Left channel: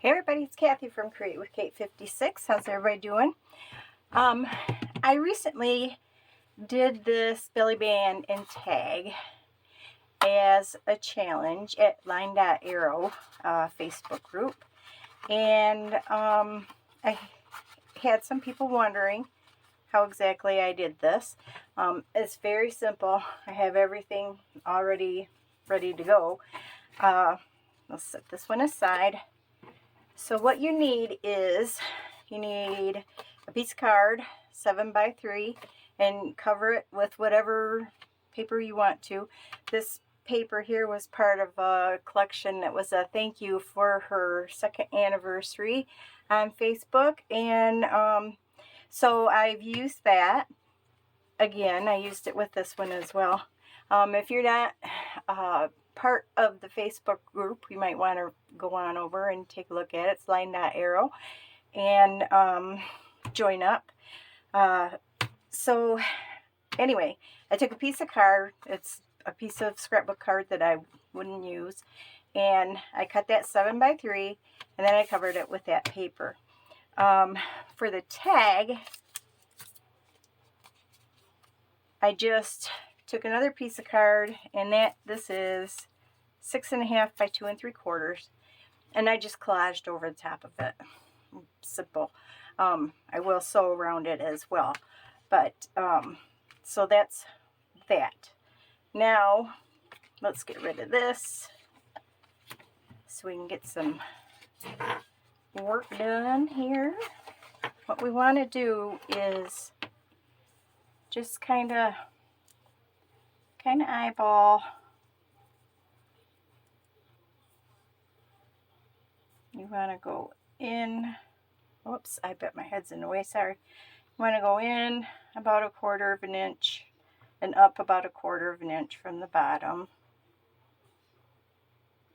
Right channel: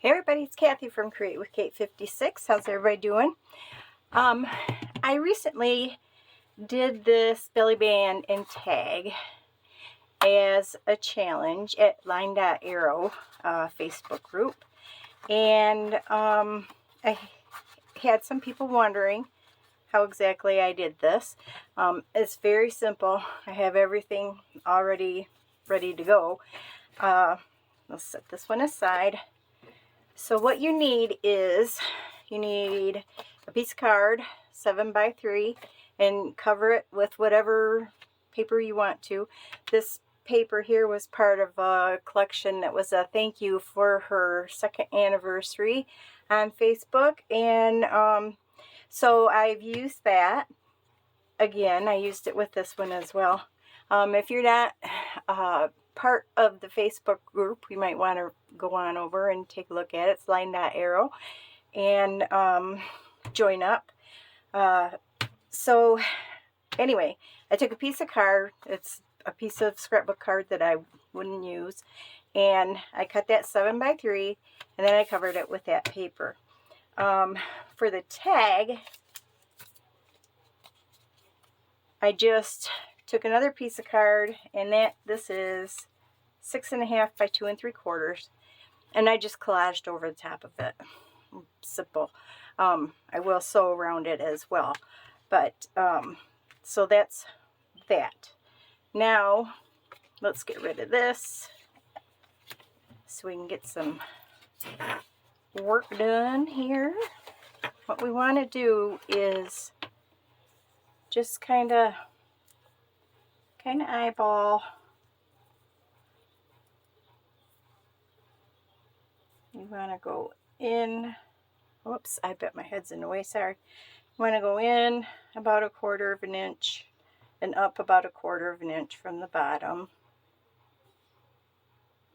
Hey everybody, it's Kathy from Create with Kate 56. How's everybody doing? I recently did this belly band and tag as a challenge at Linedotarrow Facebook group, and I had some people wondering how exactly I did this. It's very simple. I have everything already ready to go. Let's set this one aside. So what you need is, you need a piece of card, 7x3, and cover it with whatever paper you want to. This paper here was part of a collection that was a thank you for her 2nd anniversary on Facebook, and so I've used that. Again, I used it with this one as well. If you're not part of the Facebook group, you might want to go on over and take a look at it. It's Linedotarrow, and join up. So anyway, I took a piece of card. It's a piece of scrapbook card that I wouldn't use, and I cut that 7x3, and then I covered it with that paper. For the tag, I just took another piece of card, and this is 6.5 by 2 3/4, and I just collaged over the top of it. Simple. I will sew around it as well, but so that's that. Now let's get rid of this so we can get some work done here. What we want to do is just kind of eyeball. You want to go in. Whoops, I bet my head's in the way, sorry. You want to go in about 1/4 of an inch and up about 1/4 of an inch from the bottom.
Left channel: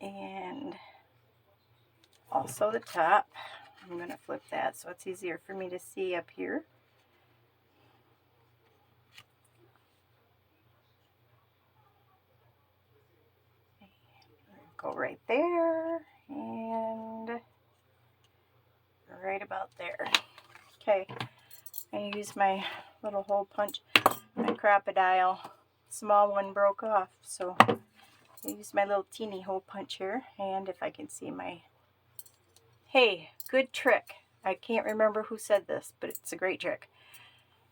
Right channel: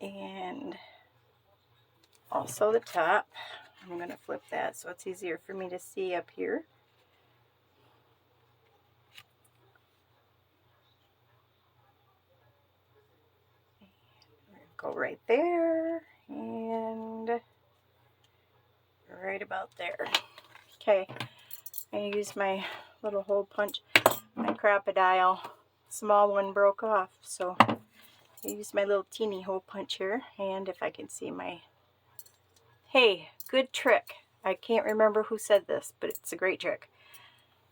And also the top. I'm going to flip that so it's easier for me to see up here. Go right there and right about there. Okay, I'm going to use my little hole punch. My crocodile, small one broke off, so I use my little teeny hole punch here. And if I can see my, hey, good trick. I can't remember who said this, but it's a great trick.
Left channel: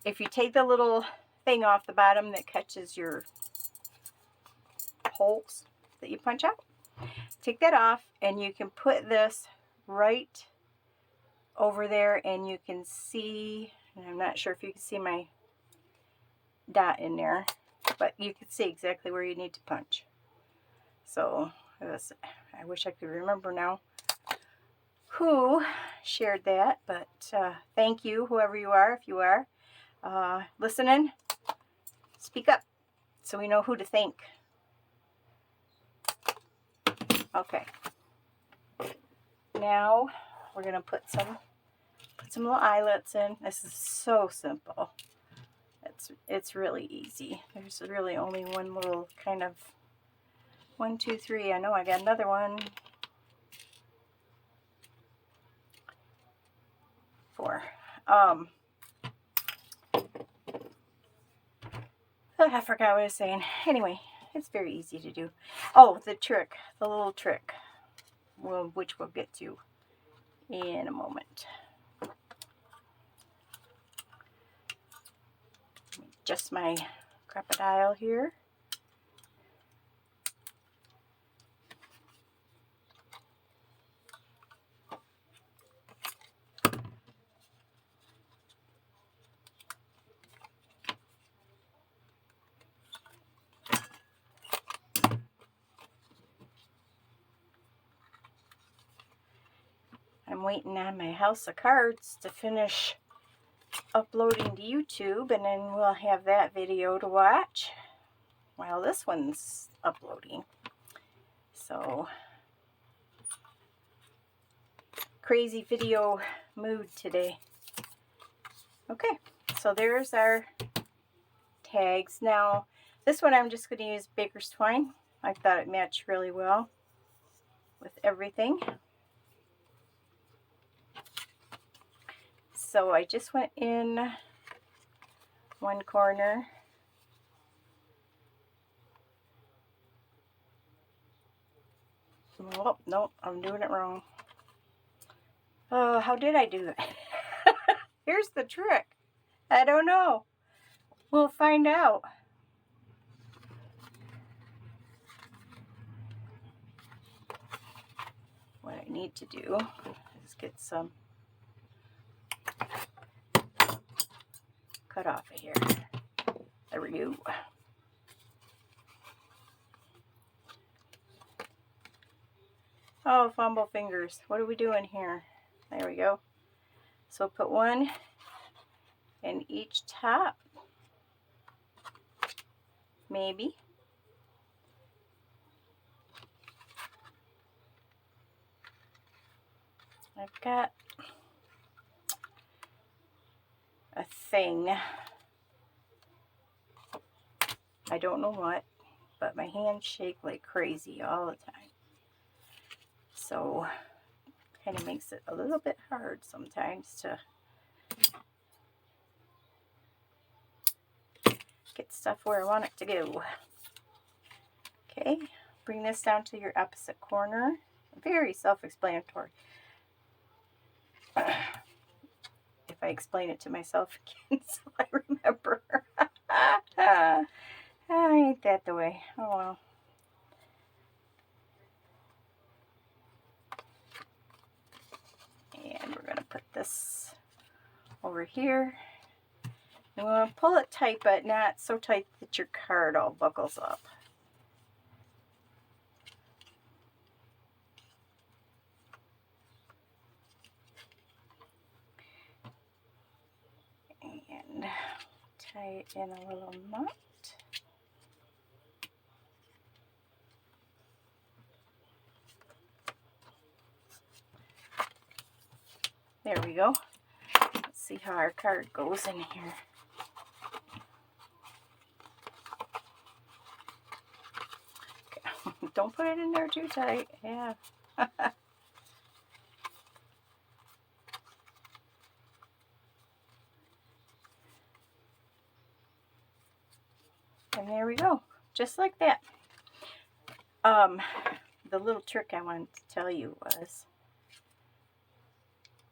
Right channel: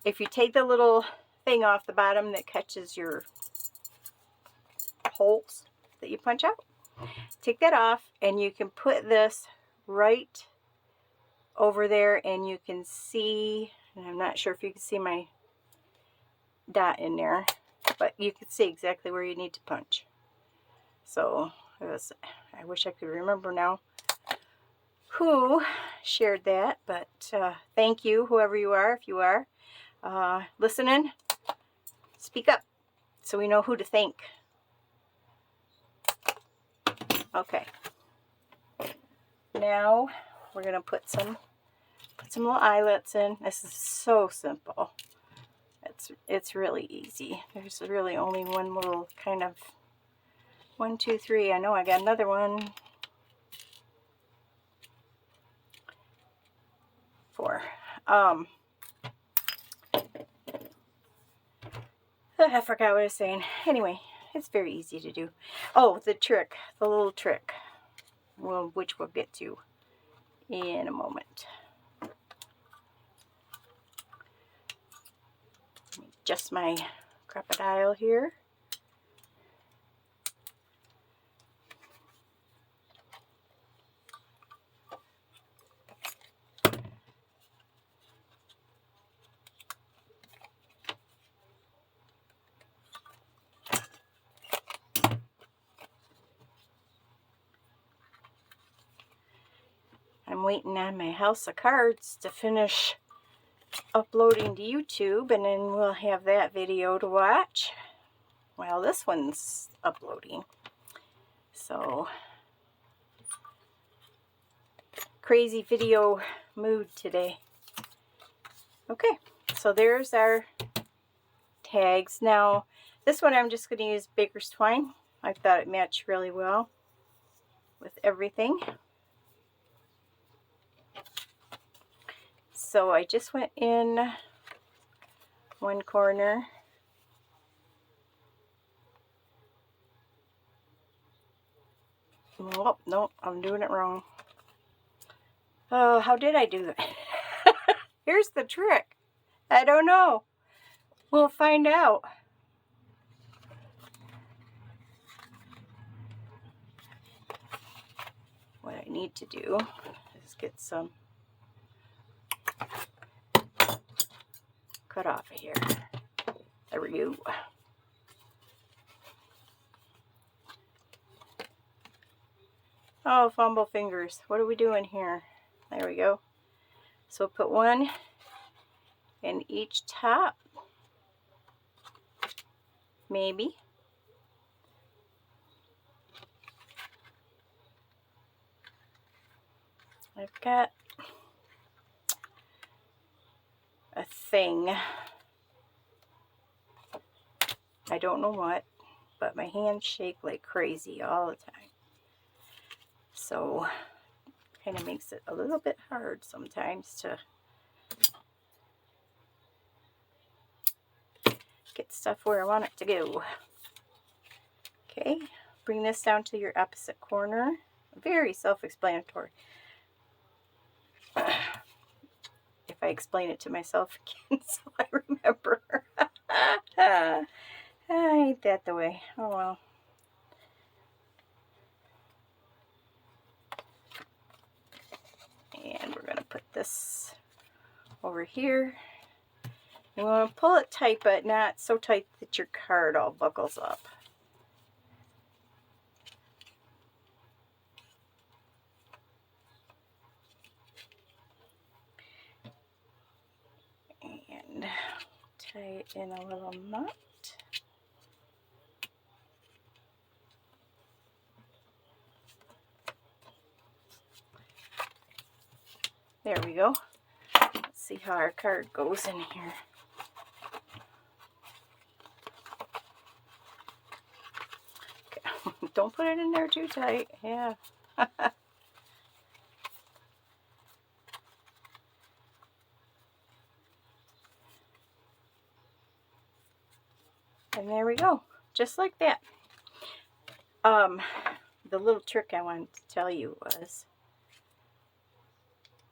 If you take the little thing off the bottom that catches your holes that you punch out, take that off, and you can put this right over there, and you can see, and I'm not sure if you can see my dot in there, but you can see exactly where you need to punch. So I wish I could remember now who shared that, but thank you, whoever you are. If you are listening, speak up so we know who to thank. Okay, now we're gonna put some little eyelets in. This is so simple. It's really easy. There's really only one little kind of 1, 2, 3. I know I got another one. 4. I forgot what I was saying. Anyway, it's very easy to do. Oh, the little trick, which we'll get to in a moment. Just my crocodile here. I'm waiting on my house of cards to finish uploading to YouTube, and then we'll have that video to watch while this one's uploading. So, crazy video mood today. Okay, so there's our tags. Now, this one I'm just going to use baker's twine. I thought it matched really well with everything. so I just went in one corner. Oh, no, I'm doing it wrong. Oh, how did I do that? Here's the trick. I don't know. We'll find out. What I need to do is get some cut off of here. There we go. Oh, fumble fingers. What are we doing here? There we go. So put one in each top. Maybe. I've got a thing. I don't know what, but my hands shake like crazy all the time. So kind of makes it a little bit hard sometimes to get stuff where I want it to go. Okay, bring this down to your opposite corner. Very self-explanatory. If I explain it to myself again so I remember. Ain't that the way? Oh well. And we're going to put this over here. You want to pull it tight, but not so tight that your card all buckles up. And tie it in a little knot. There we go. Let's see how our card goes in here. Okay. Don't put it in there too tight. Yeah. And there we go. Just like that. The little trick I wanted to tell you was,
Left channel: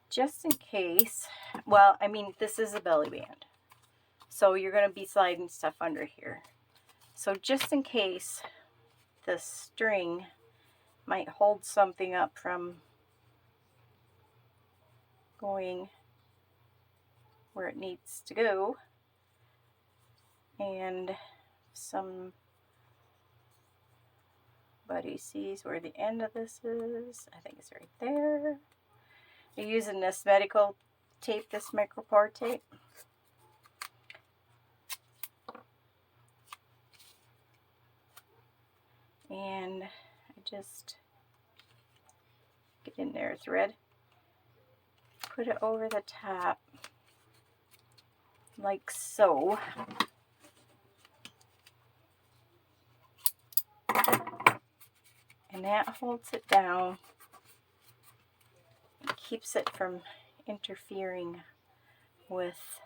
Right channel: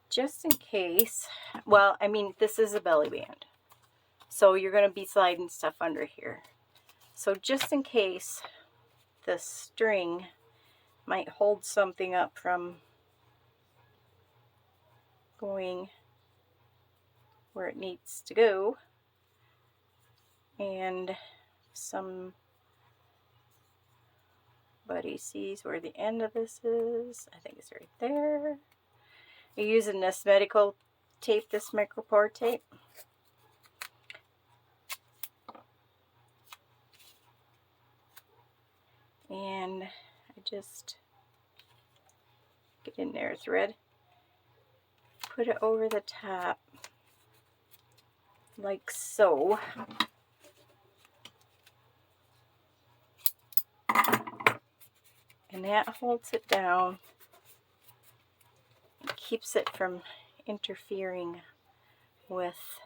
just in case, well, I mean, this is a belly band, so you're going to be sliding stuff under here. So just in case the string might hold something up from going where it needs to go, and somebody sees where the end of this is, I think it's right there. You're using this medical tape, this micropore tape. And I just get in there, thread, put it over the top like so. And that holds it down and keeps it from interfering with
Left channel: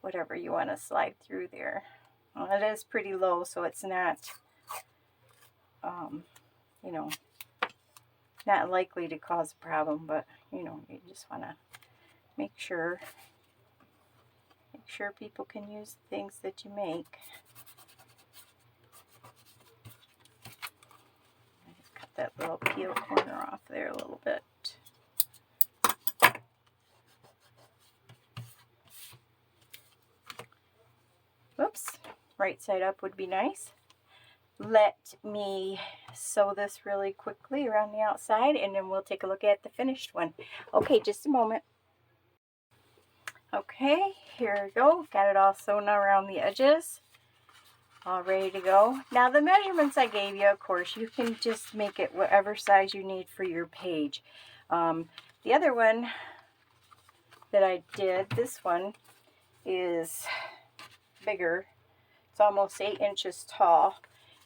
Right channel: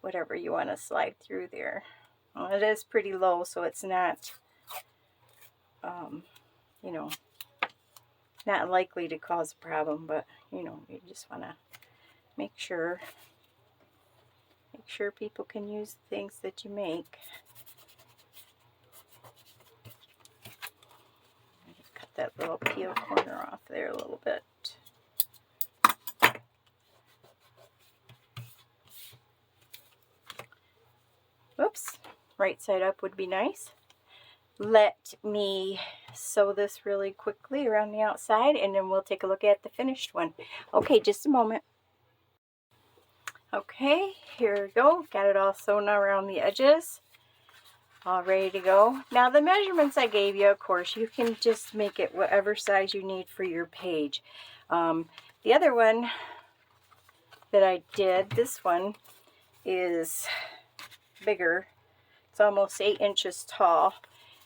whatever you want to slide through there. Well, it is pretty low, so it's not, you know, not likely to cause a problem, but, you know, you just want to make sure people can use the things that you make. Cut that little peel corner off there a little bit. Whoops, right side up would be nice. Let me sew this really quickly around the outside, and then we'll take a look at the finished one. Okay, just a moment. Okay, here we go. Got it all sewn around the edges. All ready to go. Now the measurements I gave you, of course, you can just make it whatever size you need for your page. The other one that I did, this one is bigger. It's almost 8 inches tall.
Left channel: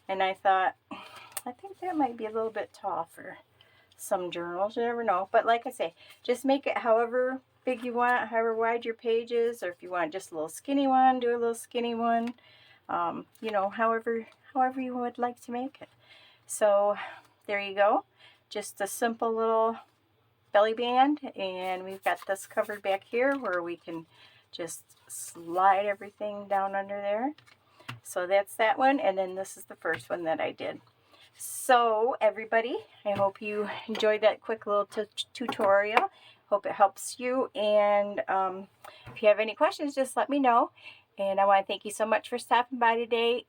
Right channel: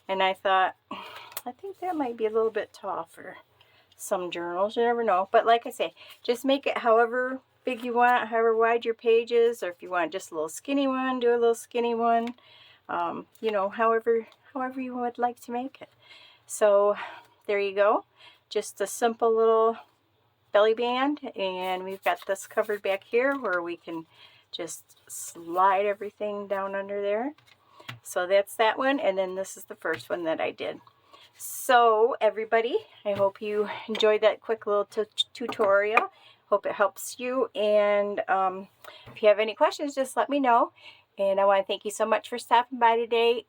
And I thought, I think that might be a little bit tall for some journals. You never know. But like I say, just make it however big you want, however wide your page is, or if you want just a little skinny one, do a little skinny one. You know, however you would like to make it. So there you go. Just a simple little belly band, and we've got this covered back here where we can just slide everything down under there. So that's that one, and then this is the first one that I did. So everybody, I hope you enjoyed that quick little tutorial. Hope it helps you, and if you have any questions, just let me know. And I want to thank you so much for stopping by today,